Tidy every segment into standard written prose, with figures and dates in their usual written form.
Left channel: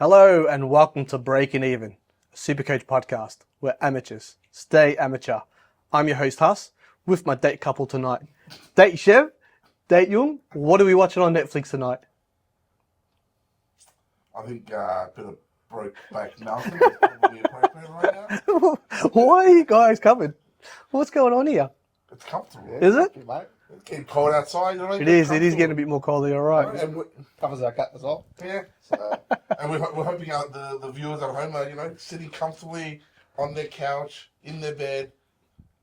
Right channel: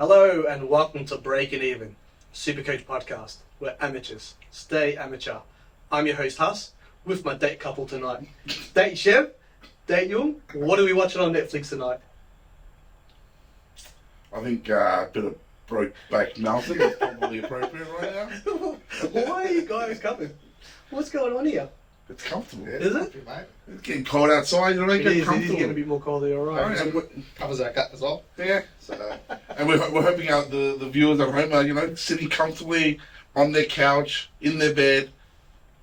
Hello and welcome to Breaking Even, Supercoach podcast, where amateurs stay amateur. I'm your host Huss, with my date couple tonight. Date Chev, date Jung, what are we watching on Netflix tonight? I think a bit of Brokeback Mountain is probably appropriate right now. Why are you guys coming? What's going on here? It's comfortable. Is it? It's getting cold outside, you know what I mean? It is getting a bit more cold here, alright. Covers our gut as well. Yeah. So, and we're hoping out the viewers at home are, sitting comfortably on their couch, in their bed,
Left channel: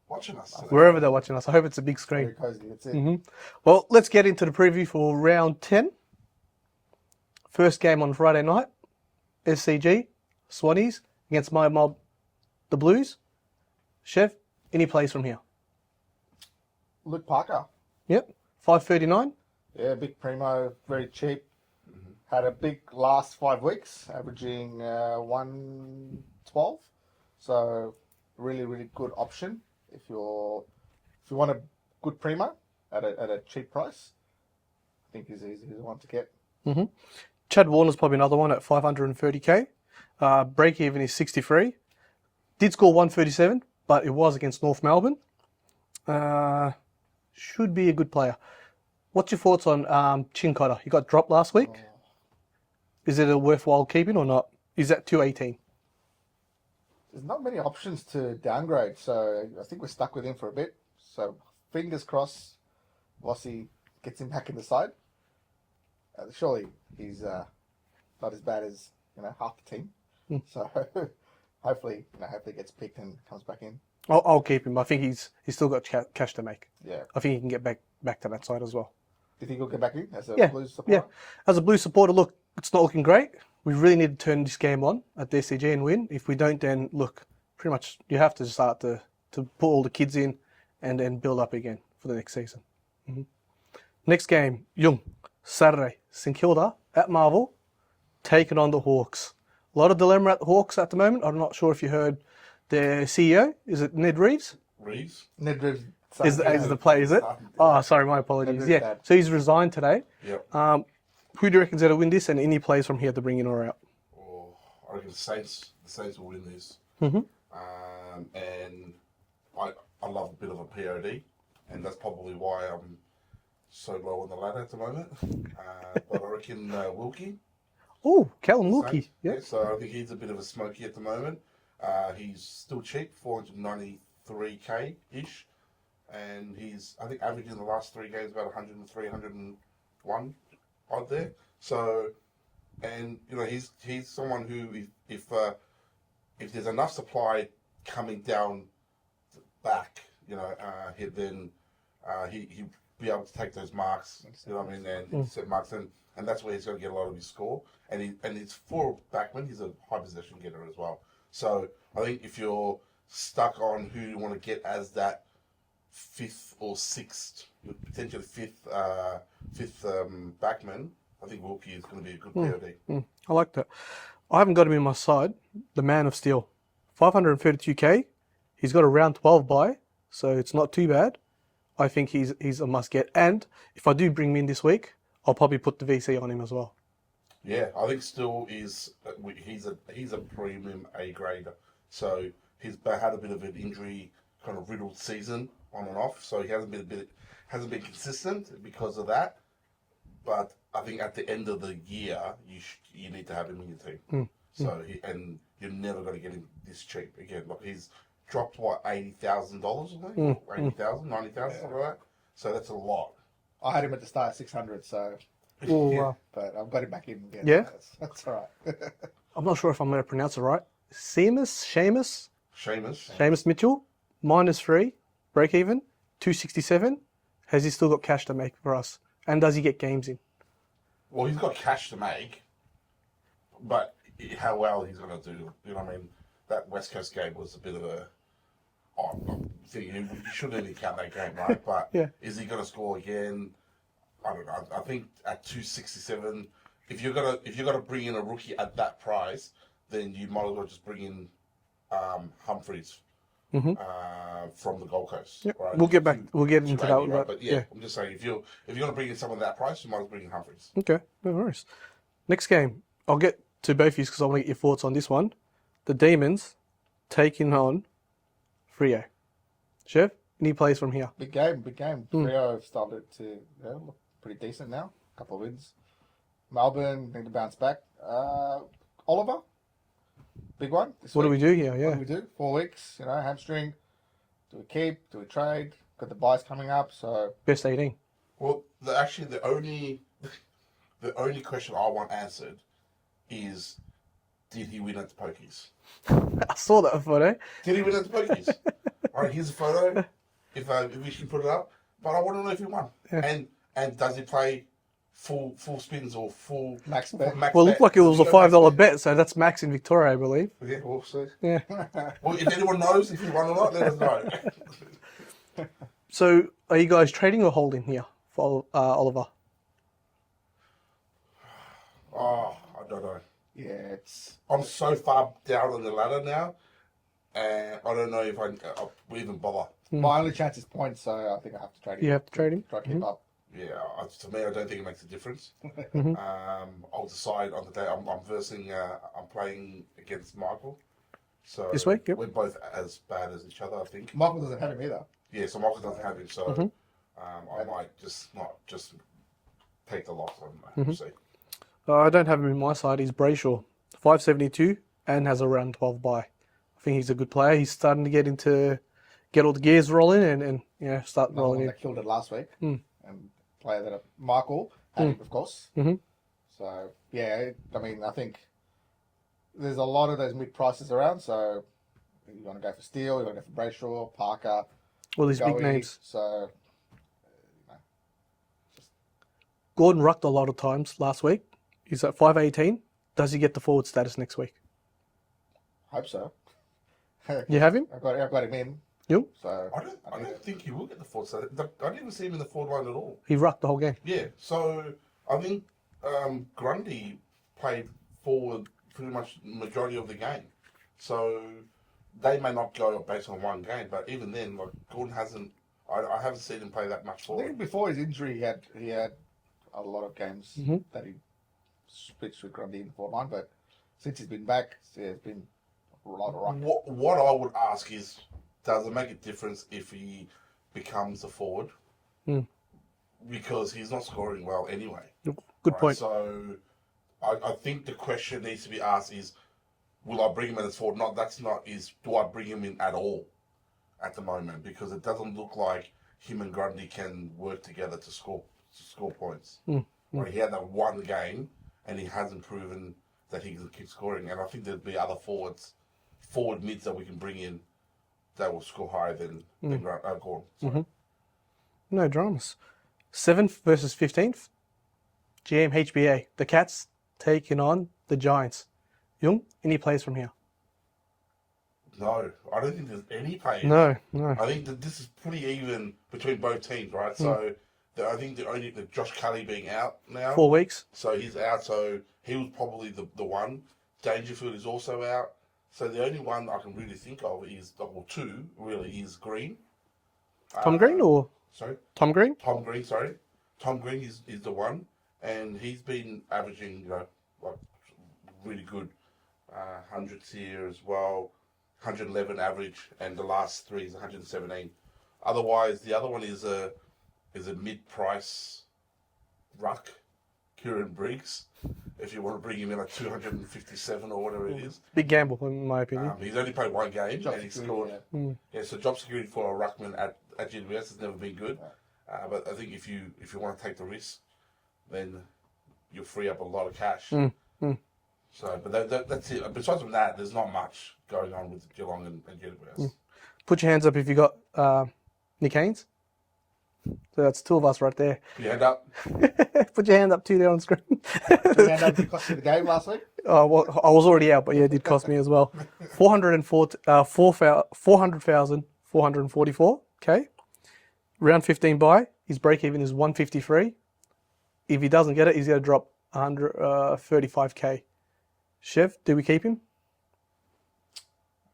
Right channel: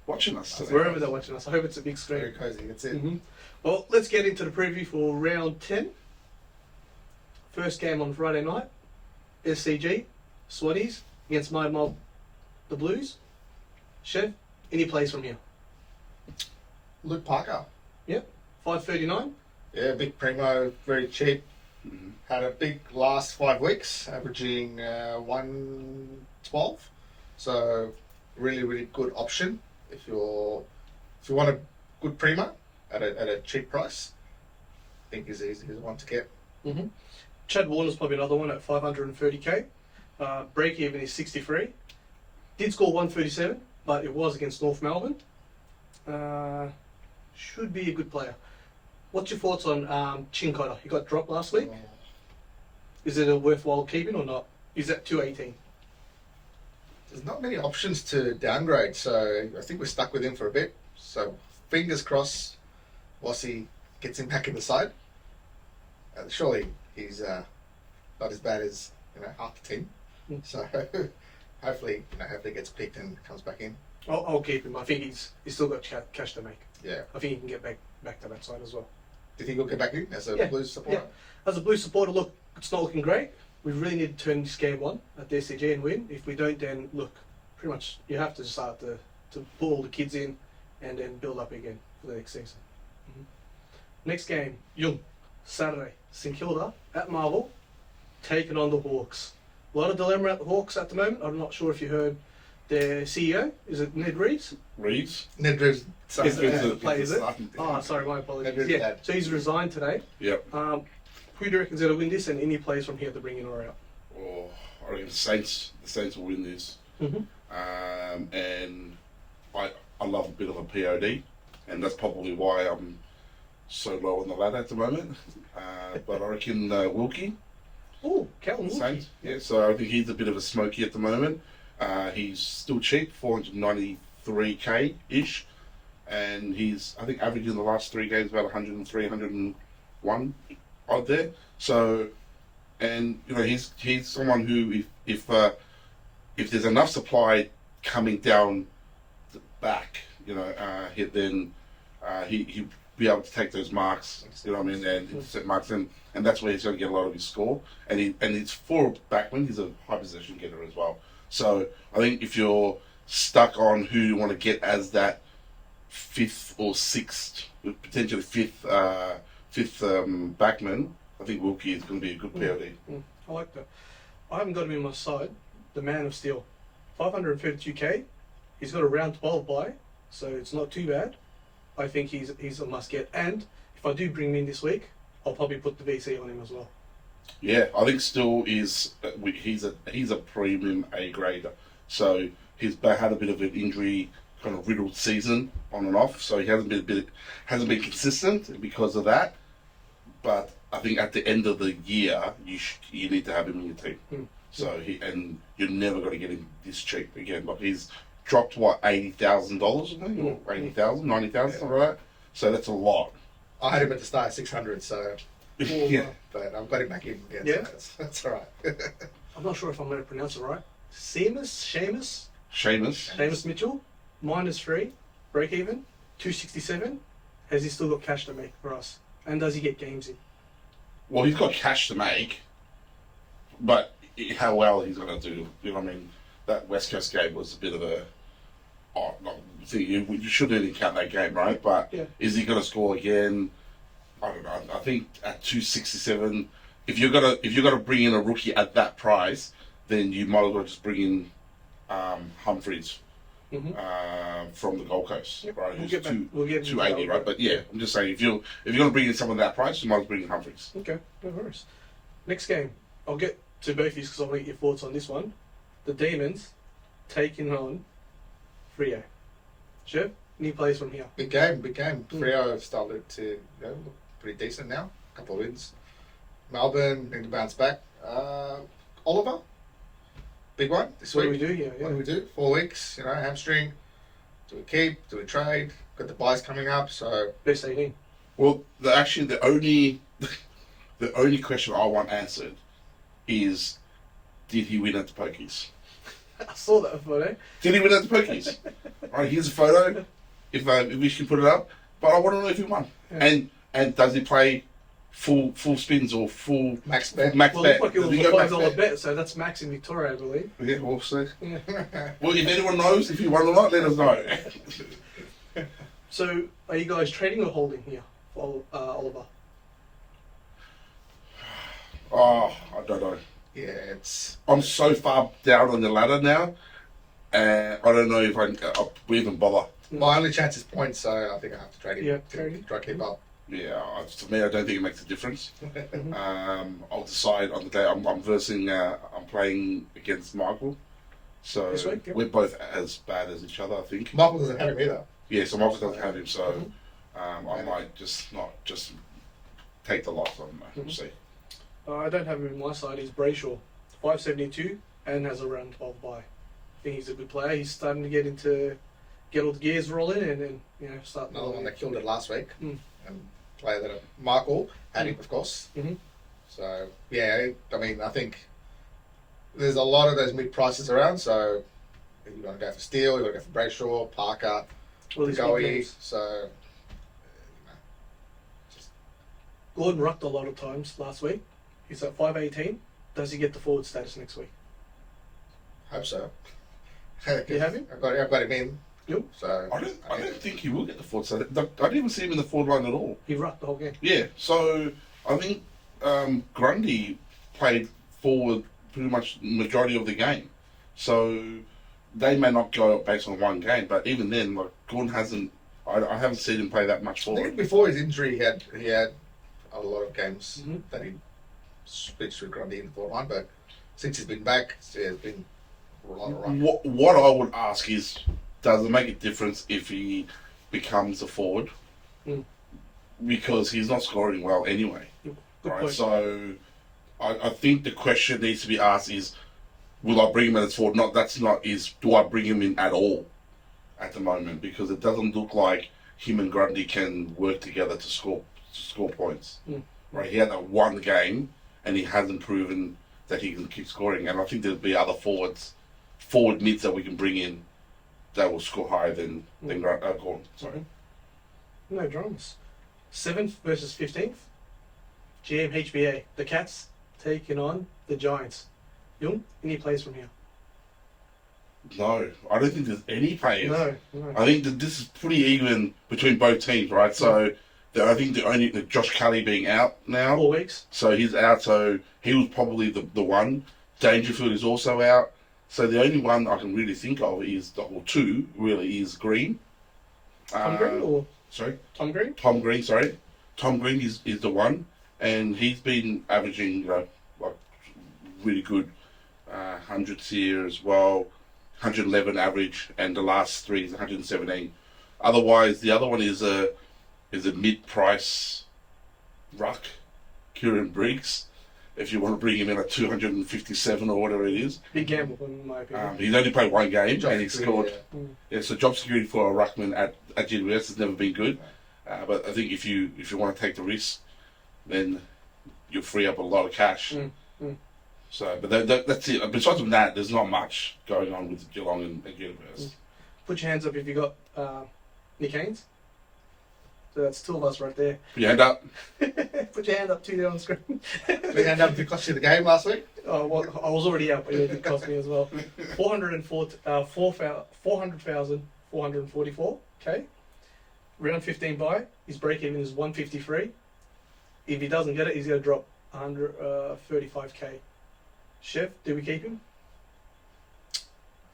watching us. Today. Wherever they're watching us, I hope it's a big screen. Very cozy, it's it. Mm-hmm. Well, let's get into the preview for round 10. First game on Friday night, SCG, Swannies against my mob, the Blues. Chev, any plays from here? Luke Parker. Yep, 5.39. Yeah, big primo, very cheap. Had a big last 5 weeks, averaging 112. So really, really good option if you want a good primo at a cheap price. I think he's the one to get. Mm-hmm. Chad Warner's probably another one at 530k. Break even is 63. Did score 137, but it was against North Melbourne. Should be a good player. What's your thoughts on Chin Cotter? He got dropped last week. Is it a worthwhile keeping or not? Is that 218? There's not many options to downgrade, so I think we're stuck with him for a bit. So fingers crossed, Bossy gets him back in the side. Surely he's not as bad as half the team. So hopefully he gets picked and comes back in. I'll keep him. I think he's still got cash to make. Yeah. I think he can get back to that side as well. Do you think he'll get back in as a Blues supporter? Yeah. As a Blues supporter, look, it's not looking great. We really need to turn this game on at the SCG and win. If we don't, then look, pretty much you have to start to put all the kids in and then build up again for the next season. Mm-hmm. Next game, Jung, Saturday, St Kilda at Marvel, taking on the Hawks. A lot of dilemma at the Hawks at the moment. I'm not sure if you heard their CEO. Is it Ned Reeves? Ned Reeves. Is the play, is it? Oh, sorry, my apologies. Yeah, so he's resigned today. Yep. Who do you reckon's going to win this, and any plays from here to bring in or out? Oh, I reckon the Saints will win this. Mm-hmm. And I love a bit of a POD, and that's probably why I'm so low on the ladder at the moment. But I reckon Wilkie. Oh, Callum Wilkie. Saints. Yeah, so I think he's a bit of a smoky at the moment. He's still cheap, 493k-ish. And he's, I think, averaging the last 3 games about 103, 101 out there. So, and he's someone who, if there's enough supply coming down the back, then he'll be able to take those marks. You know what I mean? And set marks, and that's where he's going to get a lot of his score. And it's for backman. He's a high possession getter as well. So I think if you're stuck on who you want to get as that 5th or 6th, potentially 5th backman, I think Wilkie is going to be a good POD. I like that. I haven't got him in my side. The Man of Steel, 532k. He's got a round 12 bye, so it's not too bad. I think he's a must get. And if I do bring him in this week, I'll probably put the VC on him as well. Yeah, I think still he's a premium A grader. So he's had a bit of an injury kind of riddled season on and off, so he hasn't been consistent because of that. But I think at the end of the year, you need to have him in your team. So you're never going to get him this cheap again. But he's dropped $80,000, 80,000, 90,000, something like that. So that's a lot. I had him at the start at 600, so. Wow. But I've got him back in again. Yeah? That's all right. I'm not sure if I'm going to pronounce it right. Seamus Mitchell, -3, break even, 267. Has he still got cash to make for us? And does he get games in? Well, he's got cash to make, but how well he's going to do, you know what I mean? That West Coast game was a bit of a... you shouldn't even count that game, right? But yeah. Is he going to score again? I don't know. I think at 267, if you're gonna bring in a rookie at that price, then you might as well just bring in Humphreys from the Gold Coast. Yep. Right? We'll get into that. Right? But yeah, I'm just saying if you're gonna bring in someone at that price, you might as well bring in Humphreys. Okay, no worries. Next game, I'll get to both of you, because I want to get your thoughts on this one. The Demons taking on Freo. Chef, any plays from here? Big game. Freo have started to look pretty decent now. A couple of wins. Melbourne need to bounce back. Oliver, big one this What do week. we do here? What Yeah. do we do? 4 weeks, hamstring. Do we keep? Do we trade? Got the buys coming up, so Best 18. Well, the only the only question I want answered is, did he win at the pokies? I saw that photo. Did he win at the pokies? Alright, here's a photo. If we can put it up, but I want to know if he won. Yeah. And does he play full spins or full max bet. max Well, it bet? looked like it was Does a he go max $5 bet, so that's max in Victoria, I believe. Yeah, we'll see. Yeah. Well, if anyone knows if you won or not, let us know. So, are you guys trading or holding here for Oliver? Oh, I don't know. Yeah, it's I'm so far down on the ladder now, and I don't know if I'll even bother. my only chance is points, so I think I have to trade him. You have to trade him? Try to keep up. Yeah, to me, I don't think it makes a difference. Mm-hmm. I'll decide on the day. I'm playing against Michael. So This week, yep. we're both as bad as each other, I think. Michael doesn't have him either. Yeah, so Michael doesn't have him, so Mhm. I might just take the loss. I don't know. We'll see. I don't have him in my side. He's Brayshaw, 572, and has a round 12 bye. I think he's a good player. He's starting to get all the gears rolling and start Another one rolling. that killed it last week. Mm. And player that Michael had him, of course. Mhm. So, yeah, I mean, I think there's a lot of those mid prices around. So, you want to go for Steele, you want to go for Brayshaw, Parker, All these big Goey. names. So, Gordon rucked a lot of times last week. He's at 518. Does he get the forward status next week? hope so. You have him? I've got him in. You? So, I don't think he will get the forward side. I didn't even see him in the forward line at all. He rucked the whole game. Yeah, so I think Grundy played forward pretty much the majority of the game. So they may not go based on one game, but even then, like Gordon hasn't. I haven't seen him play that much I forward. think before his injury, he had a lot of games Mhm. that he switched with Grundy in the forward line, but since he's been back, it's been a lot of run. What I would ask is, does it make a difference if he becomes a forward? Mm. Because he's not scoring well anyway. Good Right, point. So I think the question needs to be asked is, will I bring him as forward? Do I bring him in at all at the moment? Because it doesn't look like him and Grundy can work together to score points. Mm. Right, he had that one game and he hasn't proven that he can keep scoring. And I think there'll be other forward mids that we can bring in that will score higher than Gordon. Sorry. No dramas. 7th versus 15th. GMHBA. The Cats taking on the Giants. Jung, any plays from here? No, I don't think there's any players. No. I think that this is pretty even between both teams, right? So I think the Josh Kelly being out now, 4 weeks. so he's out. So he was probably the one. Dangerfield is also out. So the only one I can really think of is, or two really, is Green. Tom Green or Sorry, Tom Green? Tom Green. Sorry, Tom Green is the one, and he's been averaging like really good hundreds here as well. 111 average, and the last three is 117. Otherwise, the other one is a mid-price ruck, Kieran Briggs. If you want to bring him in at 257 or whatever it is, Big gamble, in my opinion. he's only played one game Job and he security, scored. Yeah, so job security for a ruckman at GWS has never been good. But I think if you want to take the risk, then you'll free up a lot of cash. So, but that's it. Besides from that, there's not much going on with Geelong and GWS. Put your hands up if you got Nick Haynes. So that's two of us right there. Put your hand up. Put your hand up too there on screen. Did they end up to cost you the game last week? Well, I was already out, but yeah, it did cost me as well. 400,444. Okay. Round 15 bye. His break even is 153. If he doesn't get it, he's going to drop 135k. Chev, do we keep him?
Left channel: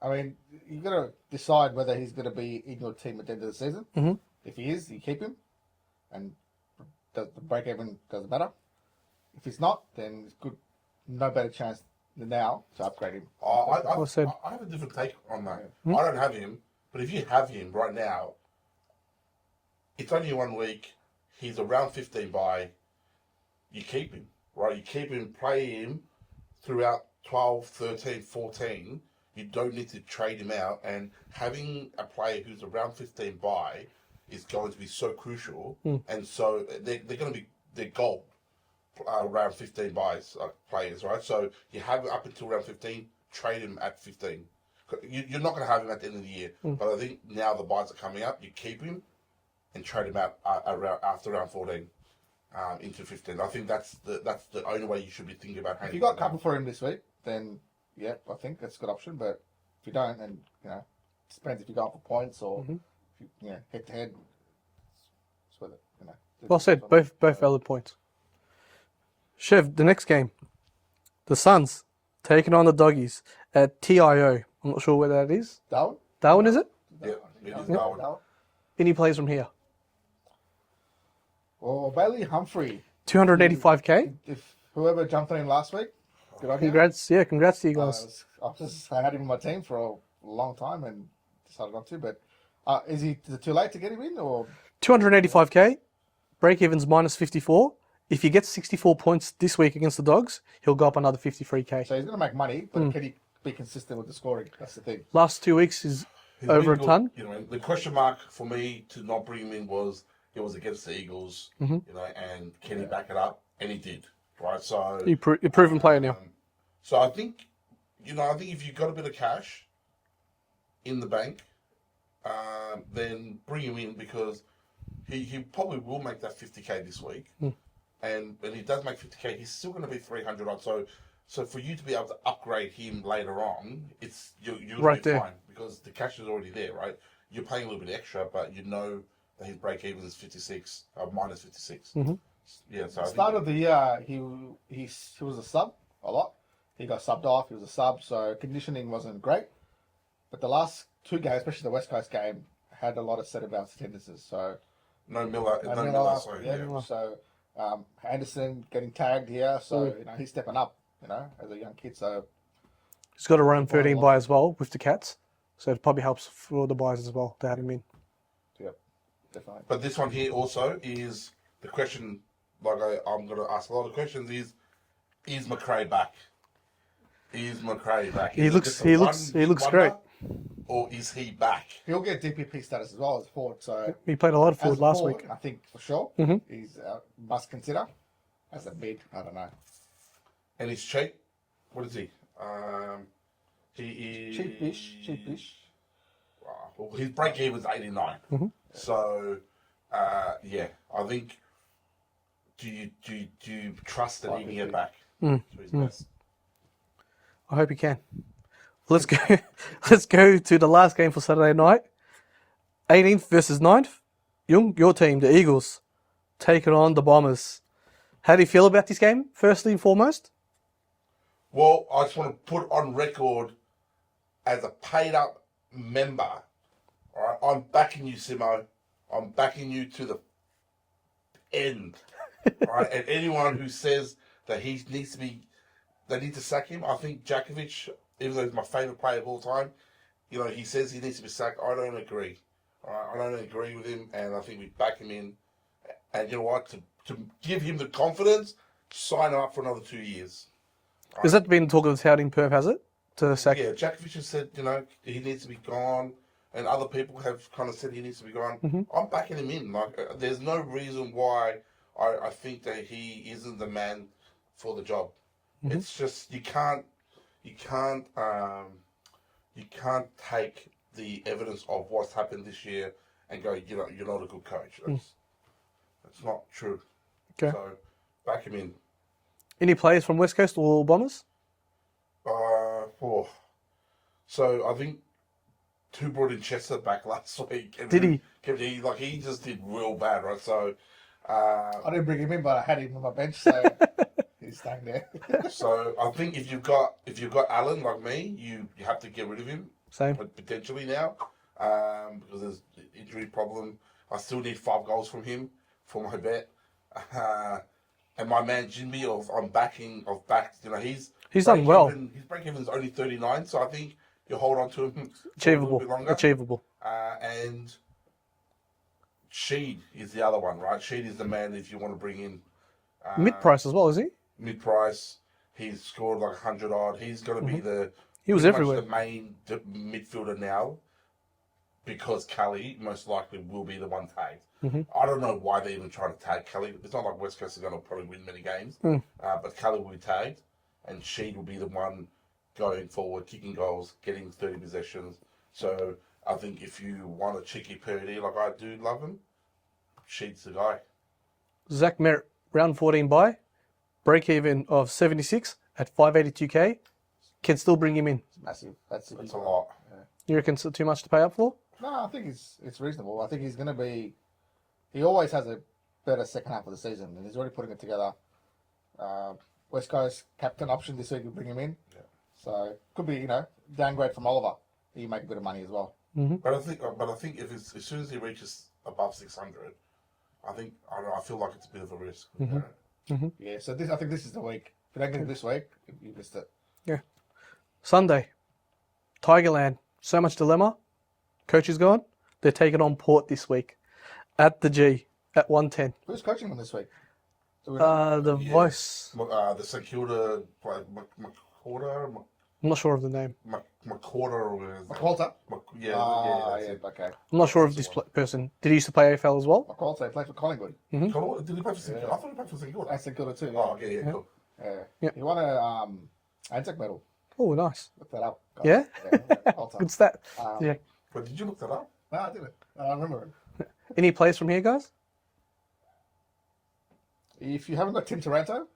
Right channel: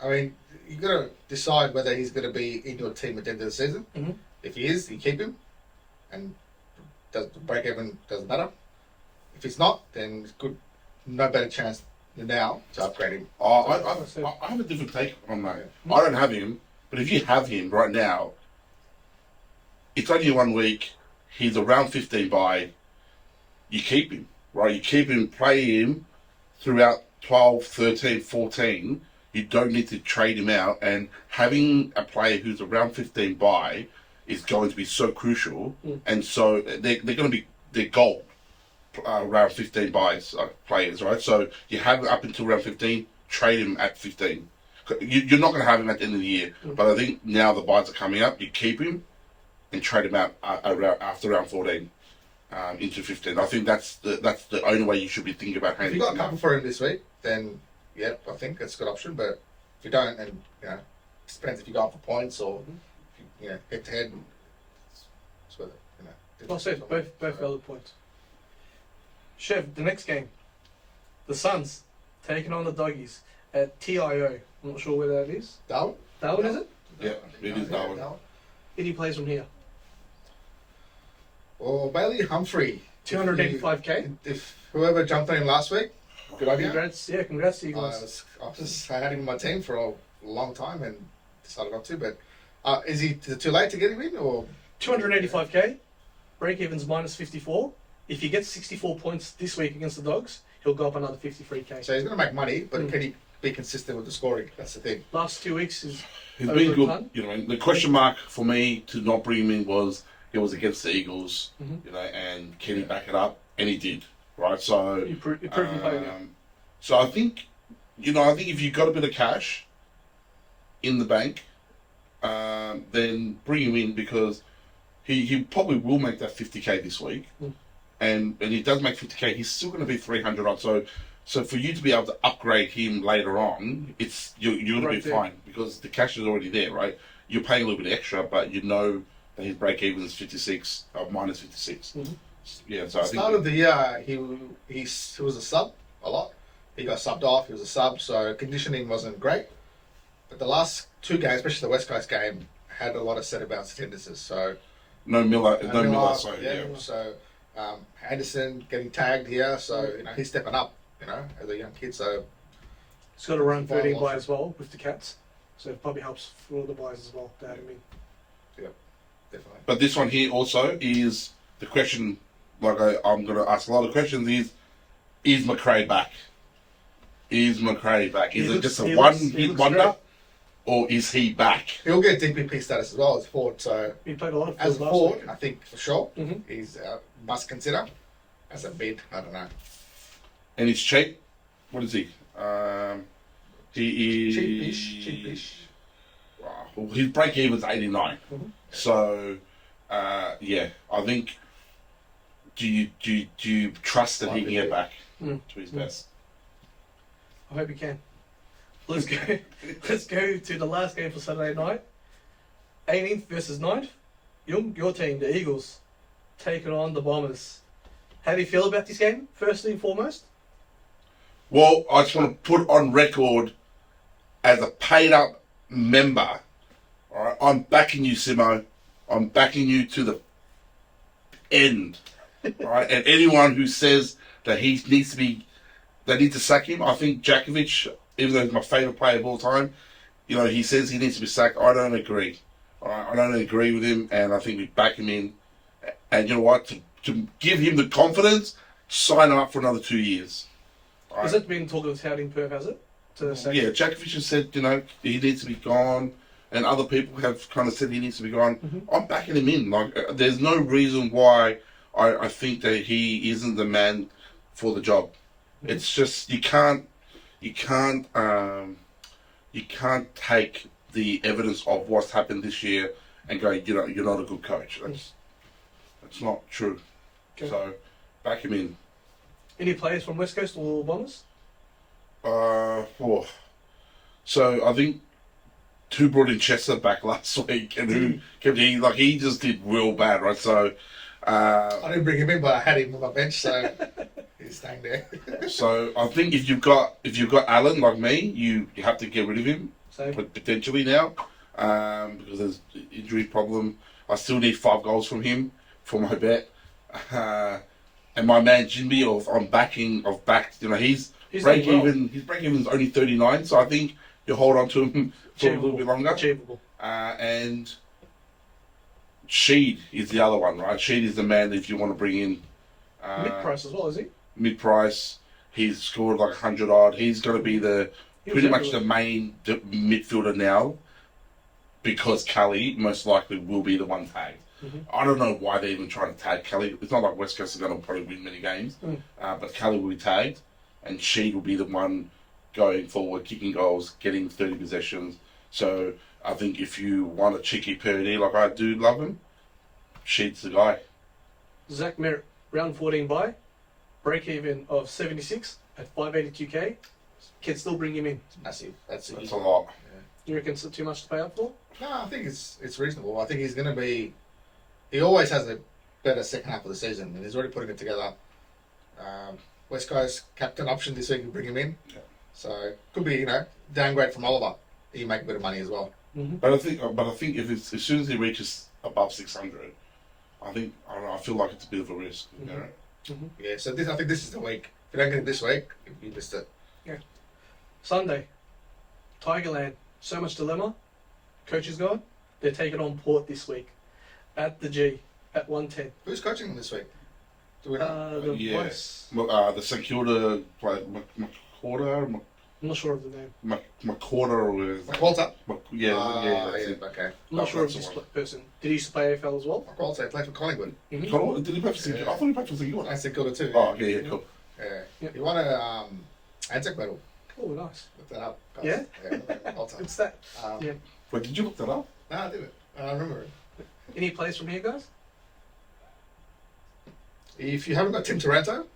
I mean, you got to decide whether he's going to be in your team at the end of the season. Mhm. If he is, you keep him, and the break even doesn't matter. If he's not, then it's good. No better chance now to upgrade him. Well said. I have a different take on that. I don't have him, but if you have him right now, it's only 1 week. He's around 15 by. You keep him, right? You keep him, play him throughout 12, 13, 14. You don't need to trade him out. And having a player who's around 15 by is going to be so crucial. And so they're going to be their gold around 15 buys players, right? So you have it up until around 15, trade him at 15. You're not going to have him at the end of the year. But I think now the buys are coming up. You keep him and trade him out after round 14 into 15. I think that's the only way you should be thinking about If handling you got him. cover for him this week, then yeah, I think that's a good option. But if you don't, and you know, it depends if you're going for points or if you know, head to head. It's worth it, you know. Well said. Both valid points. Chev, the next game, the Suns taking on the Doggies at TIO. I'm not sure where that is. Darwin? Darwin, is it? Yeah, it is Darwin. Any plays from here? Well, Bailey Humphrey. 285k. If whoever jumped on him last week, good on you. Congrats to you guys. I had him in my team for a long time and decided not to. But is he too late to get him in, or 285k. Break even's minus 54. If he gets 64 points this week against the Dogs, he'll go up another 53k. so he's going to make money? But can he be consistent with the scoring? That's the thing. Last 2 weeks is He's over been a good. ton. You know, the question mark for me to not bring him in was it was against the Eagles, Mm-hmm. you know, and can he back it up? And he did, right? So You're proven player now. So I think, if you've got a bit of cash in the bank, then bring him in because he probably will make that 50k this week, and he does make 50k. He's still going to be 300 odd. So for you to be able to upgrade him later on, you're going to Right be there. fine because the cash is already there, right? You're paying a little bit extra, but you know that his break even is 56 or minus 56. Yeah, so I think Start of the year, he was a sub a lot. He got subbed off. He was a sub, so conditioning wasn't great. But the last 2 games, especially the West Coast game, had a lot of set about attendances. So no Miller. So yeah. yeah. So Anderson getting tagged here, so you know he's stepping up. You know, as a young kid. So He's got a round 13 buy as well with the Cats. So it probably helps for the buys as well to have him in. yep, definitely. But this one here also is the question. Like I'm going to ask a lot of questions. Is McRae back? Is McRae back? Is it just a one-hit wonder, great. or is he back? He'll get DPP status as well as forward. So He played a lot of as forward a last forward, week. I think for sure Mhm. he's must consider. As a bid, I don't know. And he's cheap. What is he? He is Cheapish. Wow. Well, his break even's 89. Mhm. So yeah, I think. Do you trust that he can get back to his best? I hope he can. Let's go. Let's go to the last game for Saturday night. 18th versus 9th. Jung, your team, the Eagles, taking on the Bombers. How do you feel about this game, firstly and foremost? Well, I just want to put on record as a paid up member. All right, I'm backing you, Simo. I'm backing you to the end. All right, and anyone who says that he needs to be, they need to sack him. I think Djakovic, even though he's my favourite player of all time, he says he needs to be sacked. I don't agree. All right, I don't agree with him, and I think we back him in. And you know what? To give him the confidence, sign him up for another 2 years. All Has that been talk of the touting Perv, has it? To sack Yeah, Djakovic has said, he needs to be gone, and other people have kind of said he needs to be gone. I'm backing him in. Like, there's no reason why I think that he isn't the man for the job. It's just you can't take the evidence of what's happened this year and go, you're not a good coach. That's not true. Okay. So back him in. Any players from West Coast or Bombers? So I think two brought in Chester back last week, and Did he just did real bad, right? So I didn't bring him in, but I had him on my bench, so he's staying there. so I think if you've got Allen like me, you have to get rid of him, Same. but potentially now because there's injury problem. I still need 5 goals from him for my bet. And my man Jimmy, I've backed. He's He's done well. His break even is only 39, so I think you hold on to him for a little Achievable. bit longer. Achievable. And Sheed is the other one, right? Sheed is the man that if you want to bring in Mid-price as well, is he? mid-price. He's scored like 100 odd. He's going to be He was pretty much everywhere. the main midfielder now, because Kelly most likely will be the one tagged. I don't know why they're even trying to tag Kelly. It's not like West Coast are going to probably win many games, but Kelly will be tagged, and Sheed will be the one going forward, kicking goals, getting 30 possessions. So I think if you want a cheeky Purdy, like I do love him, Sheed's the guy. Zach Merritt, round 14 bye. Break even of 76 at 582k. Can still bring him in. It's massive. That's That's a lot. You reckon it's too much to pay up for? No, I think it's reasonable. I think he's going to be. He always has a better second half of the season, and he's already putting it together. West Coast captain option this week. You bring him in, so could be downgrade from Oliver. He make a bit of money as well. But I think if it's, as soon as he reaches above 600, I don't know, I feel like it's a bit of a risk. You know? Yeah, so I think this is the week. If you don't get it this week, you missed it. Sunday, Tigerland. So much dilemma. Coach is gone. They're taking on Port this week at the G at 110. Who's coaching them this week? Do we know? The Yeah. voice. The St Kilda player, McCorder, I'm not sure of the name. McCorder with Walter. yeah, that's it. Okay. I'm not sure of this person. Did he used to play AFL as well? Walter played for Collingwood. Did he play for St Kilda? I thought he played for St Kilda. I said Kilda too. Oh, okay, yeah, cool. Yeah. Yep. He won a Anzac medal. Oh, nice. Look that up. guys. Yeah? Walter. Good stat. Yeah. Wait, did you look that up? No, I didn't. I remember it. Any plays from here, guys? If you haven't got Tim Taranto,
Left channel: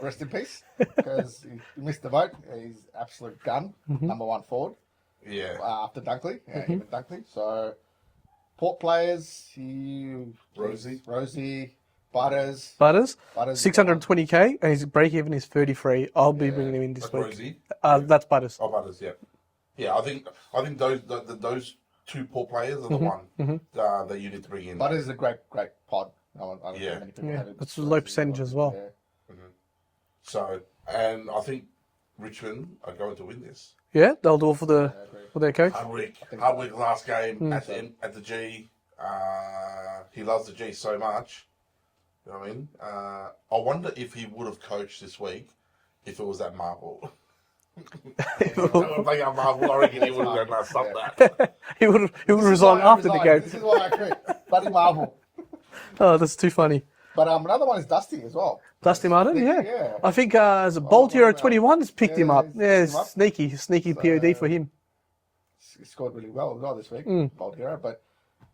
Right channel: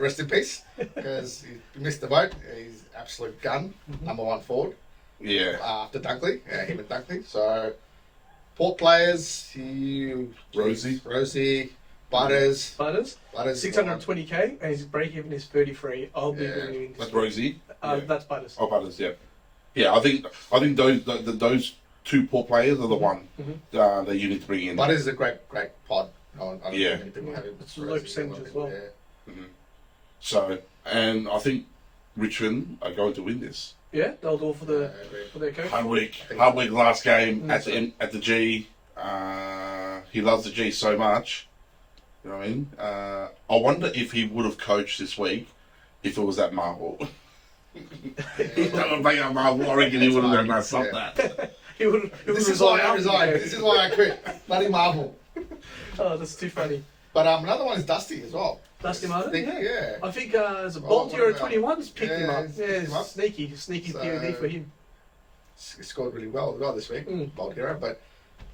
rest in peace, because he missed the boat. He's absolute gun, number one forward Yeah. after Dunkley. Yeah, him and Dunkley. So, Port players, Rosie, Butters. Butters. 620. 620k and his break even is 33. I'll be bringing him in this That's week. Rosie. That's Butters. Oh, Butters, yeah. Yeah, I think those two poor players are the one that you need to bring in. Butters is a great pod. Yeah. That's a low percentage as well. Yeah. So, and I think Richmond are going to win this. Yeah, they'll do it for their coach. Hard week last game at the G. He loves the G so much. You know what I mean? I wonder if he would have coached this week if it was at Marvel. I reckon he would have done that. Stop that. He would resign after the game. This is why I quit. Bloody Marvel. Oh, that's too funny. But another one is Dusty as well. Dusty Martin, Sneaky, yeah. I think as a Bolt Hero 21 has picked him up. he's Yeah, picked him up. sneaky So, POD for him. He scored really well as well this week, Bold Hero, but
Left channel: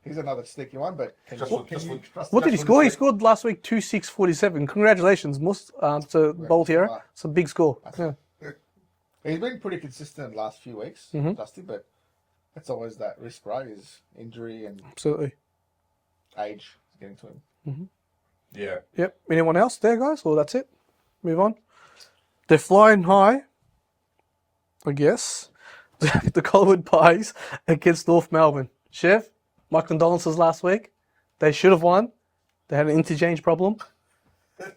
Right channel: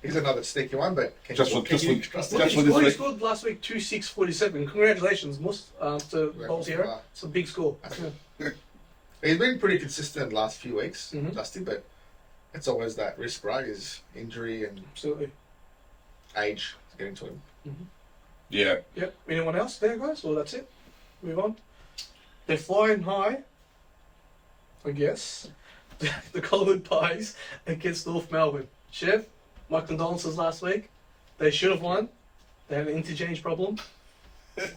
he's another sneaky one. But can Just you for- just can you for- trust Look him? at his score. He scored last week 2-6-47. Congratulations, to Bolt Hero. It's a big score. Yeah. He's been pretty consistent the last few weeks, Dusty, but it's always that risk, right? His injury and Absolutely. age is getting to him. Yeah. Yep. Anyone else there, guys? Or that's it? Move on. They're flying high, I guess. The Collingwood Pies against North Melbourne. Chef, my condolences last week. They should have won. They had an interchange problem.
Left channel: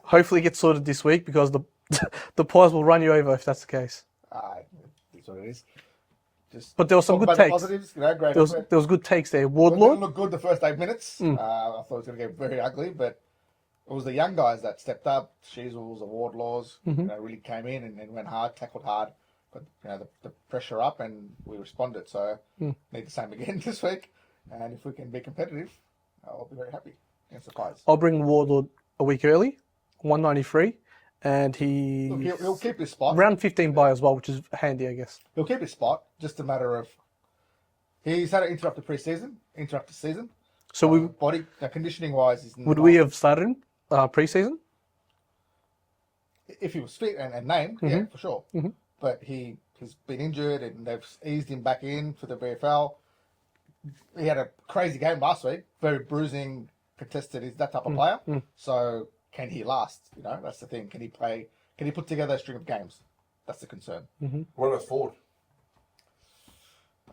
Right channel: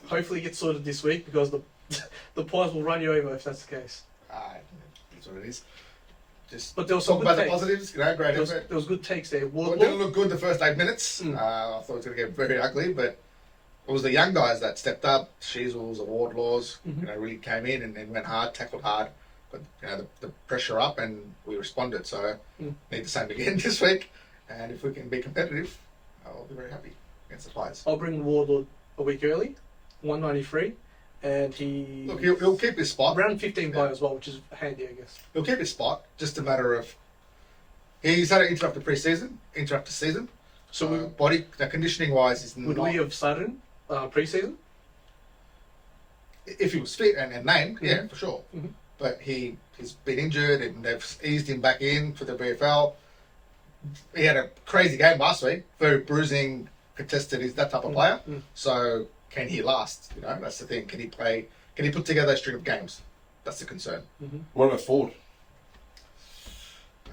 Hopefully it gets sorted this week because the Pies will run you over if that's the case. That's what it is. Just But there was some talk good about the takes. positives, great There effort. was good takes there. It didn't Wardlaw. look good the first 8 minutes. I thought it was going to get very ugly, but it was the young guys that stepped up. Sheasels, the Wardlaws, really came in and went hard, tackled hard, got the pressure up, and we responded. So need the same again this week, and if we can be competitive, I'll be very happy against the Pies. I'll bring Wardlaw a week early, 193, and Look, he'll keep his spot. round 15 by as well, which is handy, I guess. He'll keep his spot. Just a matter of he's had an interrupted season. So Body conditioning wise, is would we have started him pre-season? if he was fit and named, yeah, for sure. But he's been injured and they've eased him back in for the BFL. He had a crazy game last week, very bruising, contested. He's that type of player. So can he last? That's the thing. Can he play? Can he put together a string of games? That's the concern. What about Ford?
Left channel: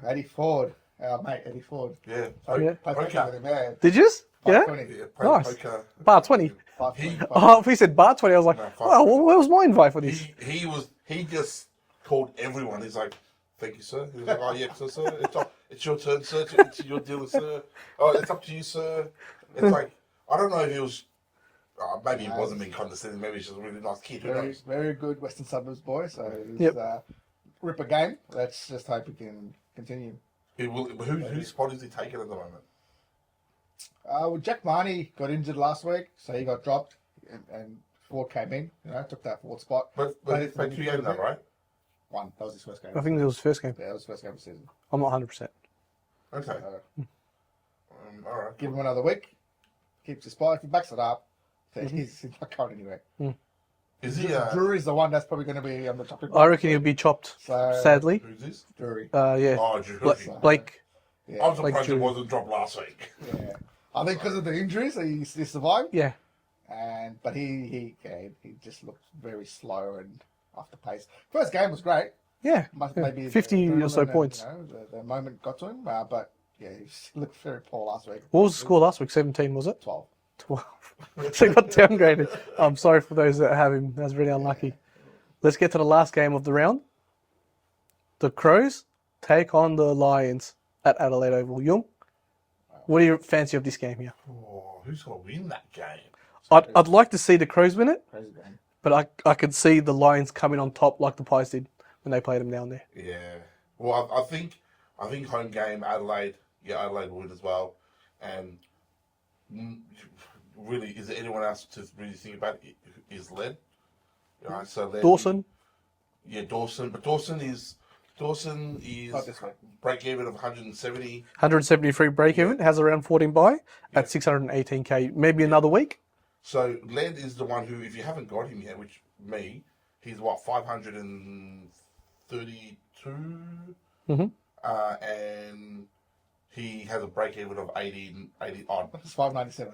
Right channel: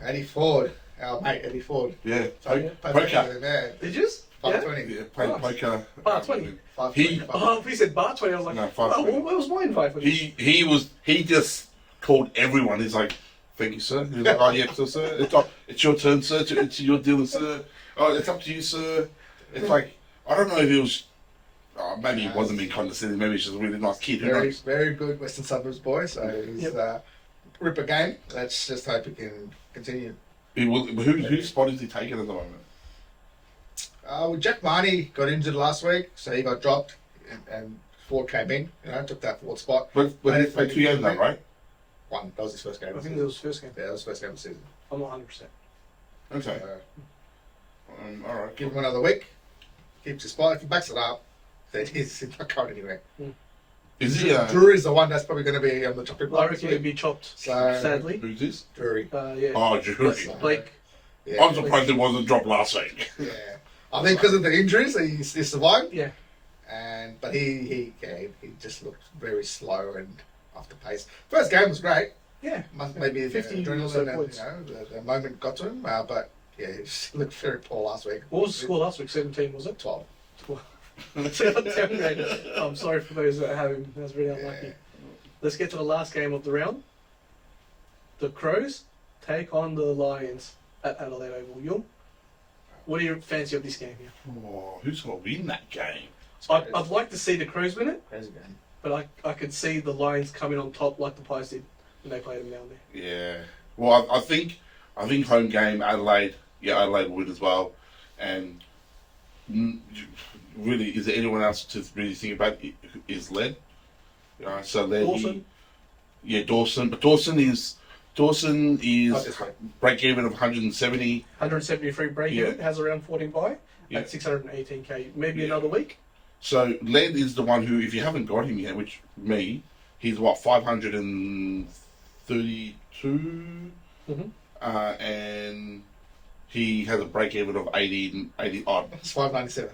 Eddie Ford, our mate Eddie Ford. Yeah. Played Poker. with him, yeah. Did you? Yeah? 520. Yeah, Nice. poker. Bar 20. 520. He- Oh, if he said bar 20, I was like, No, wow, 520. where was my invite for this? He just called everyone. He's like, thank you, sir. He was like, oh yeah, so sir, it's your turn, sir. It's your deal, sir. Oh, it's up to you, sir. It's like, I don't know if he was, maybe he wasn't being condescending. Maybe he's just a really nice kid. Who Very, knows? very good Western Suburbs boy. So he's Yep. ripper game. Let's just hope he can continue. Whose spot is he taking at the moment? Well, Jack Marnie got injured last week, so he got dropped, and Ford came in. Took that Ford spot. But he played 2 games now, right? One. That was his first game. I think that was first game. Yeah, that was the first game of the season. I'm not 100%. Okay. All right. Give him another week. Keeps his spot. If he backs it up, then he's not going anywhere. Is he? Drury's the one that's probably going to be on the chopping block. I reckon he'll be chopped, So- sadly. Who's this? Drury. Yeah. Oh, Drew. Blake. Yeah. I'm surprised it wasn't dropped last week. Yeah. I think because of the injuries, he survived. Yeah. But he just looked very slow and off the pace. First game was great. Yeah. Maybe 50 or so adrenaline points. and, the moment got to him. But yeah, he just looked very poor last week. What was the score last week? 17, was it? 12. 12. So he got downgraded. I'm sorry for those that have him. That's really unlucky. Let's get to the last game of the round. The Crows take on the Lions at Adelaide Oval. Yung, what do you fancy of this game here? Oh, who's going to win that game? I'd like to see the Crows win it, Crazy game. but I could see the Lions coming on top like the Pies did when they played them down there. Yeah. Well, I think home game Adelaide. Yeah, Adelaide will win as well. And really, is there anyone else to really think about? Is Led? So Led. Dawson. Dawson. But Dawson is this way. break even of 170. 173 break even, has around 14 by Yeah. at 618k. Maybe another week. So Led is the one who, if you haven't got him yet, which me, he's what 532, and he has a break even of 80 odd. It's 597.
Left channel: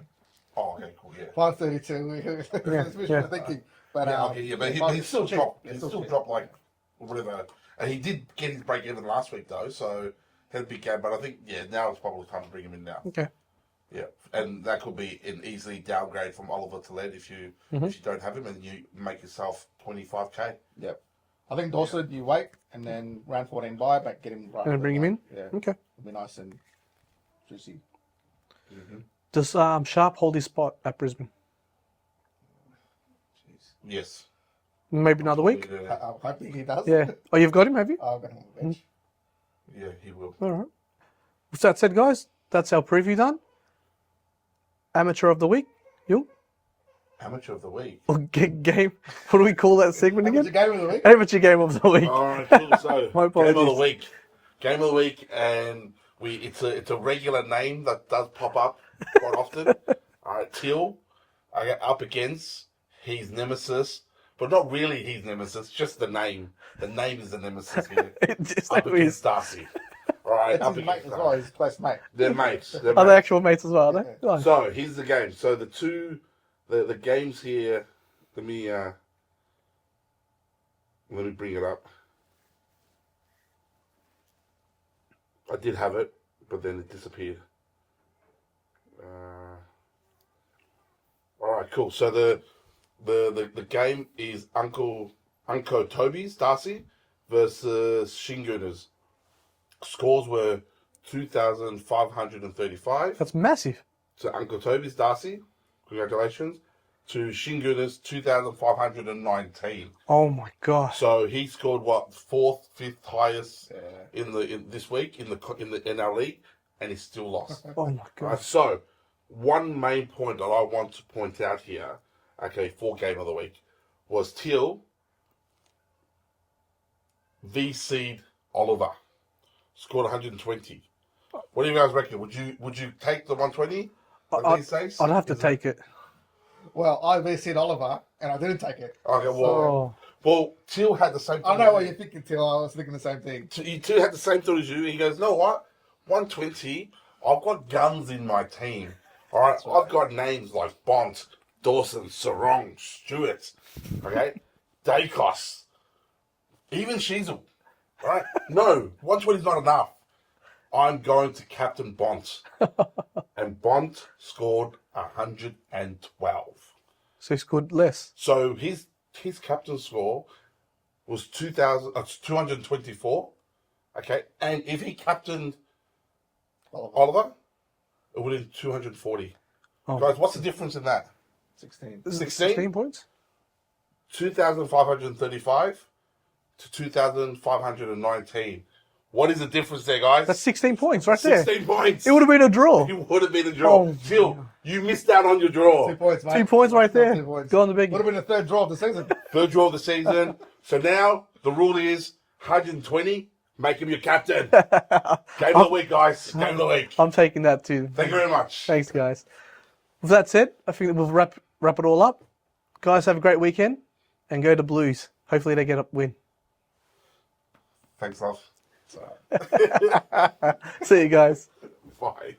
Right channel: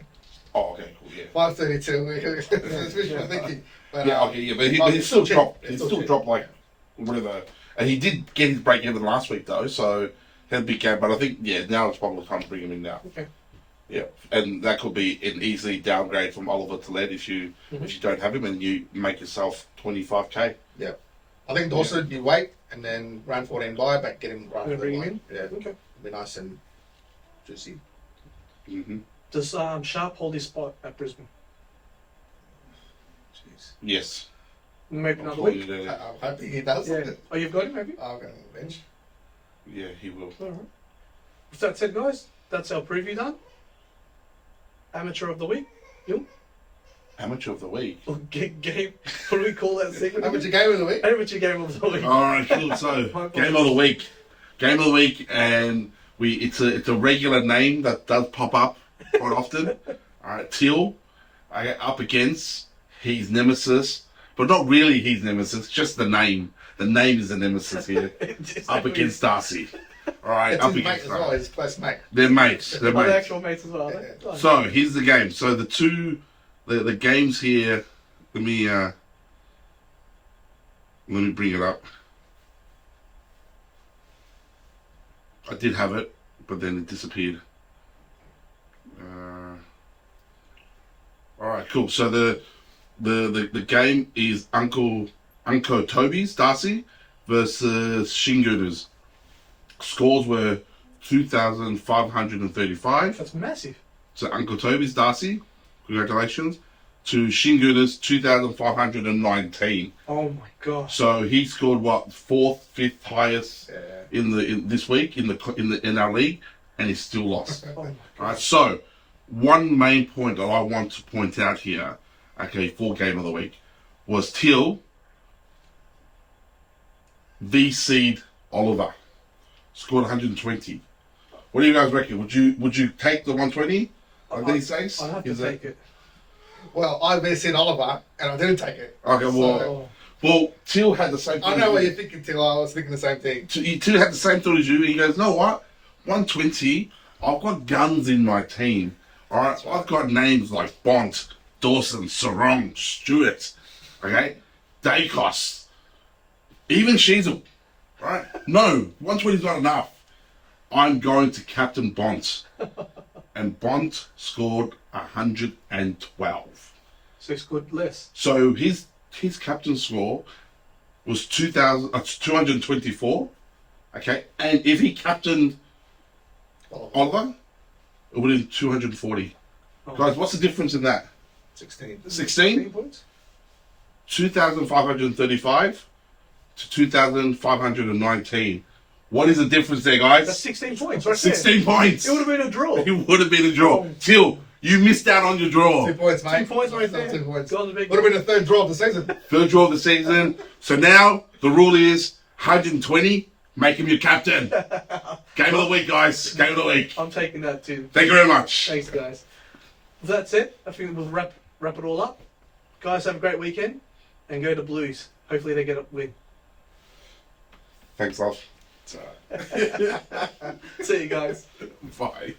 Oh, okay, cool, yeah. 532. Yeah. Thinking, but, Yeah, okay, yeah, but he still dropped. He still dropped like whatever, and he did get his break even last week though, so he had a big game. But I think now it's probably time to bring him in now. Okay. Yeah, and that could be an easy downgrade from Oliver to Led if you don't have him and you make yourself 25k. Yeah. I think Dawson, you wait and then round 14 by, but get him right. And bring him in? Yeah. Okay. It'll be nice and juicy. Does Sharp hold his spot at Brisbane? Jeez. Yes. Maybe another week? Yeah, I'm hoping he does. Yeah. Oh, you've got him, have you? I'm going to bench. yeah, he will. All right. With that said, guys, that's our preview done. Amateur of the week. You? Amateur of the week. Or game. What do we call that segment How much again? you game of the week? Amateur game of the week. All right, cool. So My game of the apologies. week, and it's a regular name that does pop up quite often. All right, Till, up against his nemesis, but not really his nemesis, just the name. The name is the nemesis here. It's Up against Darcy. All right, It's up his mate against as well, his close mate. They're mates. They're Are they mates. actual mates as well, are they? Oh, So here's the game. So the games here. Let me bring it up. I did have it, but then it disappeared. All right, cool. So the game is Uncle Toby's Darcy versus Shingooners. Scores were 2,535. that's massive. So Uncle Toby's Darcy, congratulations. To Shingooners 2,519. Oh my gosh. So he scored what, fifth highest in this week in our league, and he still lost. Oh my All right, gosh. so one main point that I want to point out here, okay, for game of the week, was Till V Seed Oliver scored 120. What do you guys reckon? Would you take the 120? I'd have to take it. Well, I visited Oliver and I didn't take it. Okay, Oh. well, Till had the same thing. I know what you're thinking, Till. I was thinking the same thing. Till had the same thought as you. He goes, no, what? 120. I've got guns in my team. All right, I've got names like Bont, Dawson, Sarong, Stewart, okay, Dacos, even Sheasel. All right, no, 120 is not enough. I'm going to captain Bont. And Bont scored 112. So he scored less. So his captain score was 224. Okay, and if he captained Oliver, it would have been 240. Oh. Guys, what's the difference in that? 16. 16? points? 2,535 to 2,519. What is the difference there, guys? That's 16 points right there. 16 points. It would have been a draw. It would have been a draw. Oh. Till you missed out on your draw. 2 points, mate. 2 points right there. 2 points. Go on the big. Would have been the third draw of the season. Third draw of the season. So now the rule is 120. Make him your captain. Game of the week, guys. Game of the week. I'm taking that too. Thank you very much. Thanks, guys. With that said, I think we'll wrap it all up. Guys, have a great weekend and go to Blues. Hopefully they get a win. Thanks, love. See you guys. Bye.